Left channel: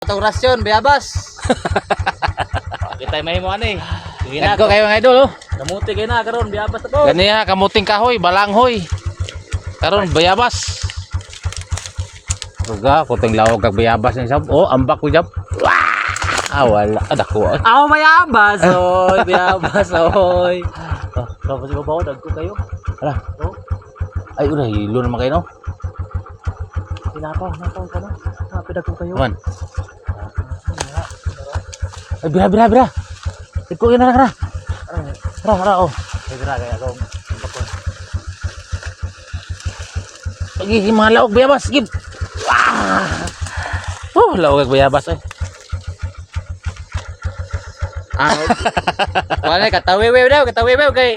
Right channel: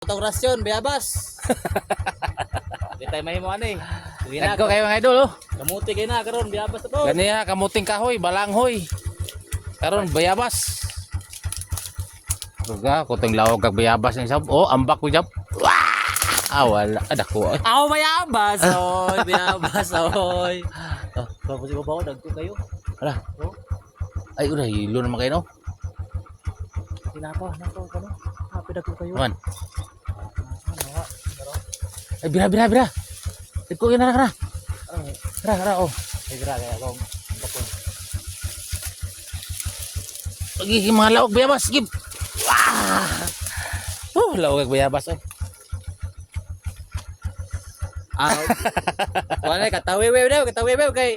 Itong rasyon, bayabas. Kita may mo ani. Nagko kayo mga idol oh. Kamuti kayo na karon, bayabas ako. Ganiya kamuting kahoy, balanghoy. Karon bayabas. Ruga, kuting lawag kag bayabas ni sab. Oh, ambak ko jab. Ah, wala. Adako. Ako bayabas, oy, bayabas, oy. Tapos iba ba dagko kayo? Ala. Oh, Ay, una hilo naman kayo no. tinapa ka no. Happy dagko kayo. Man. Ay, bira. Iko na ra. Ra oh. Bira kaya ako. Lagi mga lawag bayabas, gib. Oh, lawag kag bayabas ay. Wala katawiwew daw, kay.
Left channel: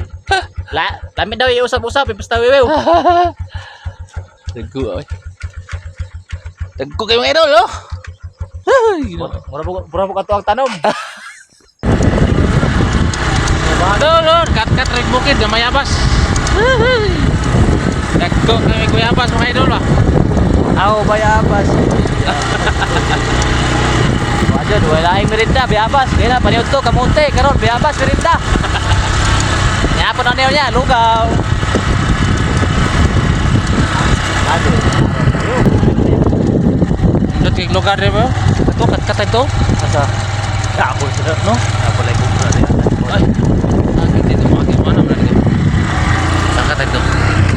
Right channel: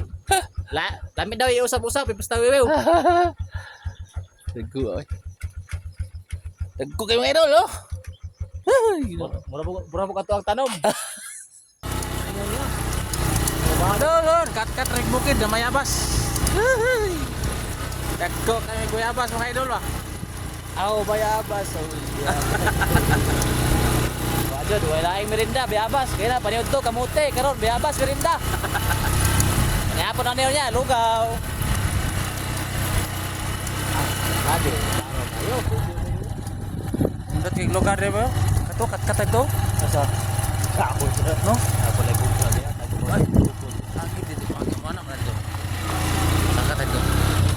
Lami daw iusap-usap, ipastawiwew. Dagko ay. Dagko kayo mga idol oh. Ay, Mura mo kato ang tanom. Lord, kat red bukid na mayabas. Dagko kami kuyabas mga idol ah. Ako bayabas. Wajan, wala ay merinda, bayabas. Di na, paniod to, kamote, karon bayabas, merinda. Nya pa na niya, lugaw. Dati lugar di ba? Ito kat ito. Asa? Ako, no? Ako, like, Ay,